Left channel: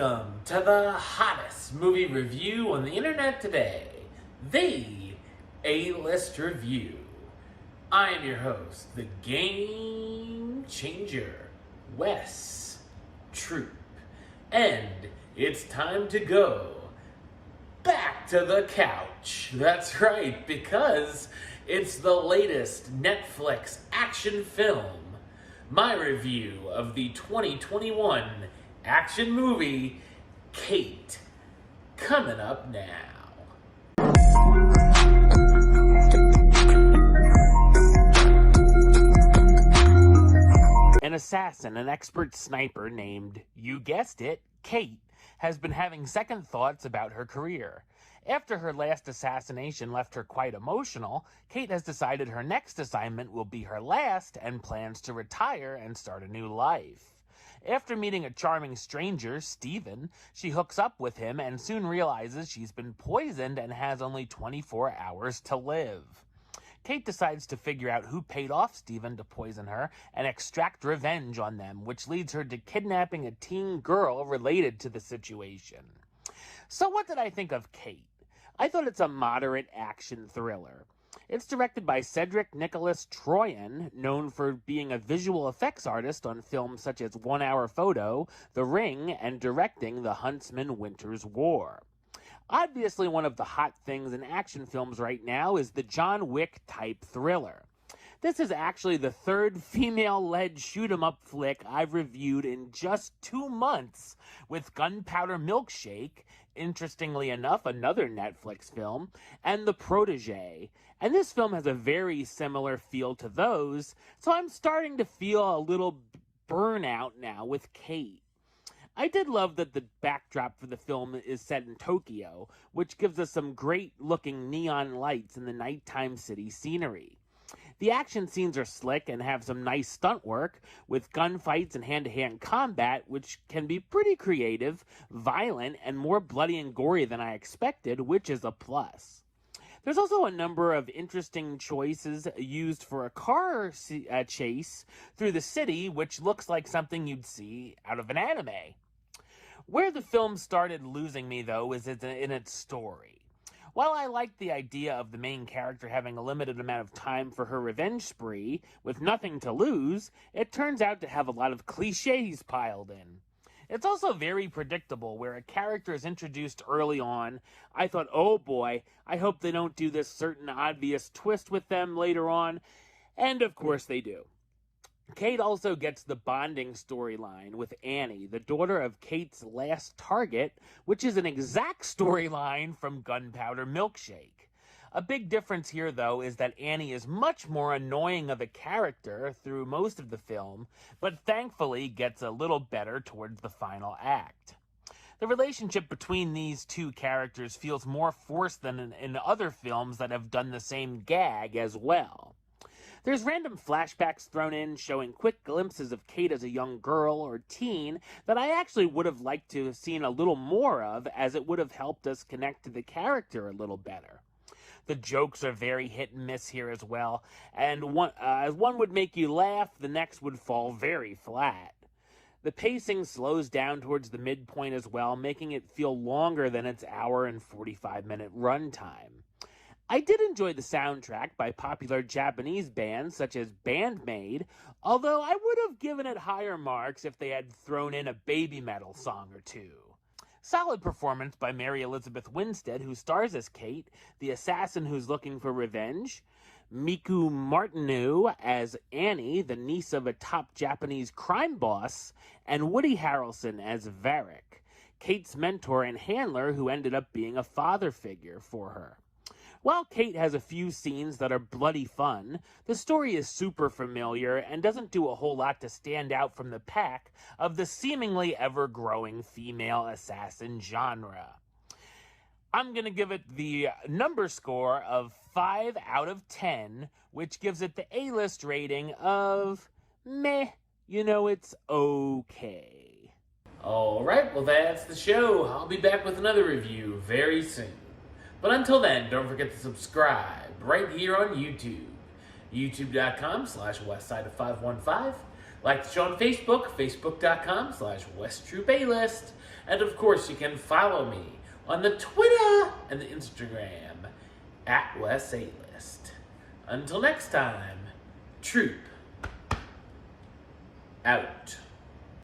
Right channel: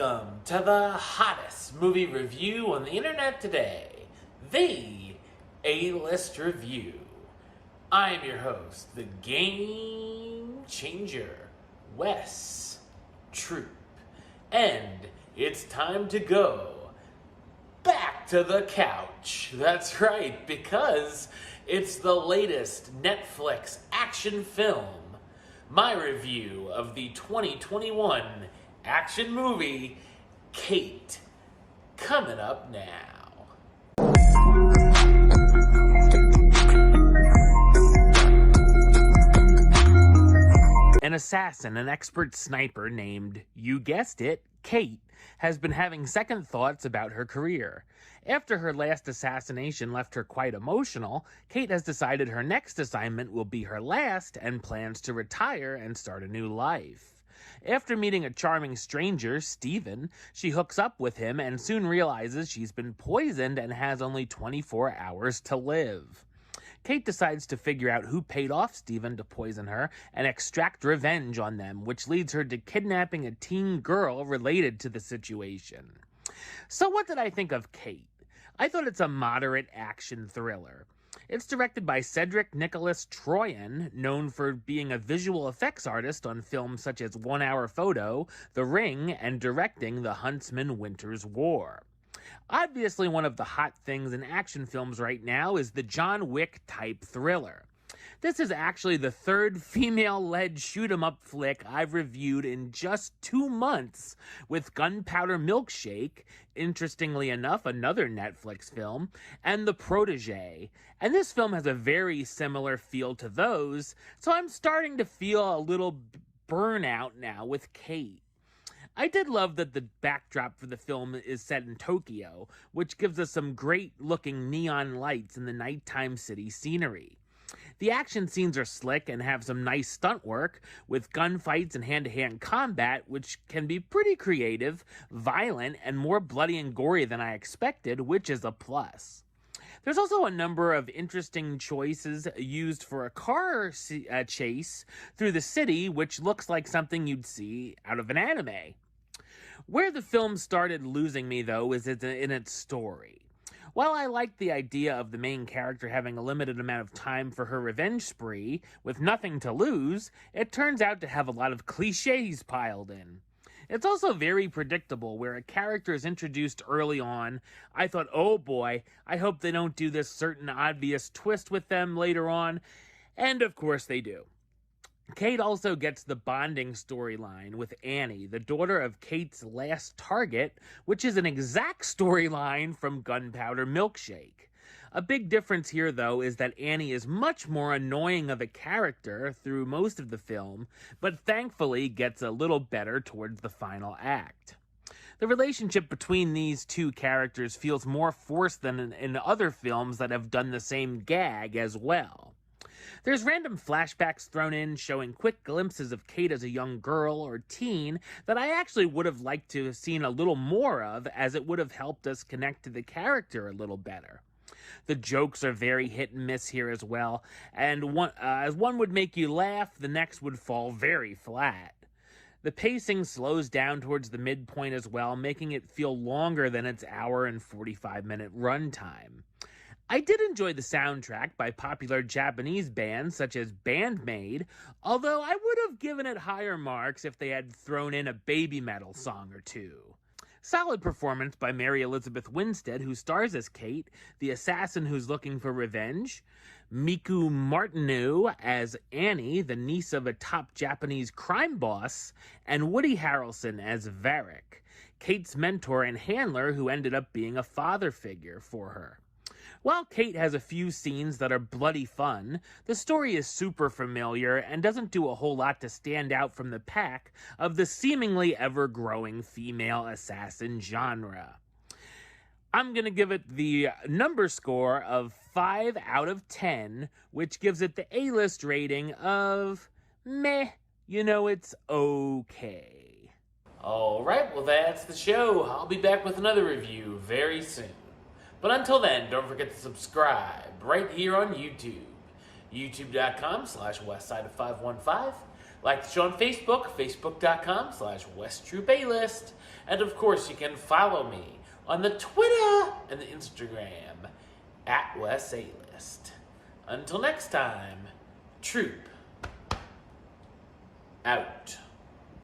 Welcome to the hottest movie review on the internet today, the A-List Review. I am your host, the Game Changer, Wes Troop, and it's time to go back to the couch. That's right, because it's the latest Netflix action film, my review of the 2021 action movie, Kate, coming up now. An assassin, an expert sniper named, you guessed it, Kate, has been having second thoughts about her career. After her last assassination left her quite emotional, Kate has decided her next assignment will be her last and plans to retire and start a new life. After meeting a charming stranger, Steven, she hooks up with him and soon realizes she's been poisoned and has only 24 hours to live. Kate decides to figure out who paid off Steven to poison her and extract revenge on them, which leads her to kidnapping a teen girl related to the situation. So what did I think of Kate? I thought it's a moderate action thriller. It's directed by Cedric Nicholas Troyan, known for being a visual effects artist on films such as 1 Hour Photo, The Ring, and directing The Huntsman Winter's War. Obviously, one of the hot things in action films right now is the John Wick-type thriller. This is actually the third female-led shoot-'em-up flick I've reviewed in just 2 months, with Gunpowder Milkshake, interestingly enough, another Netflix film, and The Protege. And this film has a very similar feel to those, so I'm starting to feel a little burnout now with Kate. I did love that the backdrop for the film is set in Tokyo, which gives us some great-looking neon lights in the nighttime city scenery. The action scenes are slick and have some nice stunt work, with gunfights and hand-to-hand combat, which can be pretty creative, violent, and more bloody and gory than I expected, which is a plus. There's also a number of interesting choices used for a car chase through the city, which looks like something you'd see out of an anime. Where the film started losing me, though, is in its story. While I liked the idea of the main character having a limited amount of time for her revenge spree, with nothing to lose, it turns out to have a lot of cliches piled in. It's also very predictable, where a character is introduced early on. I thought, oh boy, I hope they don't do this certain obvious twist with them later on. And of course they do. Kate also gets the bonding storyline with Annie, the daughter of Kate's last target, which is an exact storyline from Gunpowder Milkshake. A big difference here, though, is that Annie is much more annoying of a character through most of the film, but thankfully gets a little better towards the final act. The relationship between these two characters feels more forced than in other films that have done the same gag as well. There's random flashbacks thrown in showing quick glimpses of Kate as a young girl or teen that I actually would have liked to have seen a little more of, as it would have helped us connect to the character a little better. The jokes are very hit and miss here as well, and as one would make you laugh, the next would fall very flat. The pacing slows down towards the midpoint as well, making it feel longer than its hour and 45-minute runtime. I did enjoy the soundtrack by popular Japanese bands such as Band-Maid, although I would have given it higher marks if they had thrown in a baby metal song or two. Solid performance by Mary Elizabeth Winstead, who stars as Kate, the assassin who's looking for revenge. Miku Martineau as Annie, the niece of a top Japanese crime boss. And Woody Harrelson as Varric, Kate's mentor and handler who ended up being a father figure for her. While Kate has a few scenes that are bloody fun, the story is super familiar and doesn't do a whole lot to stand out from the pack of the seemingly ever-growing female assassin genre. I'm going to give it the number score of 5 out of 10, which gives it the A-list rating of meh. It's okay. Alright, well that's the show. I'll be back with another review very soon. But until then, don't forget to subscribe right here on YouTube. YouTube.com/WestsideOf515. Like the show on Facebook, Facebook.com/WesTroopAlist. And of course, you can follow me on the Twitter and the Instagram at Wes A-List. Until next time, Troop out.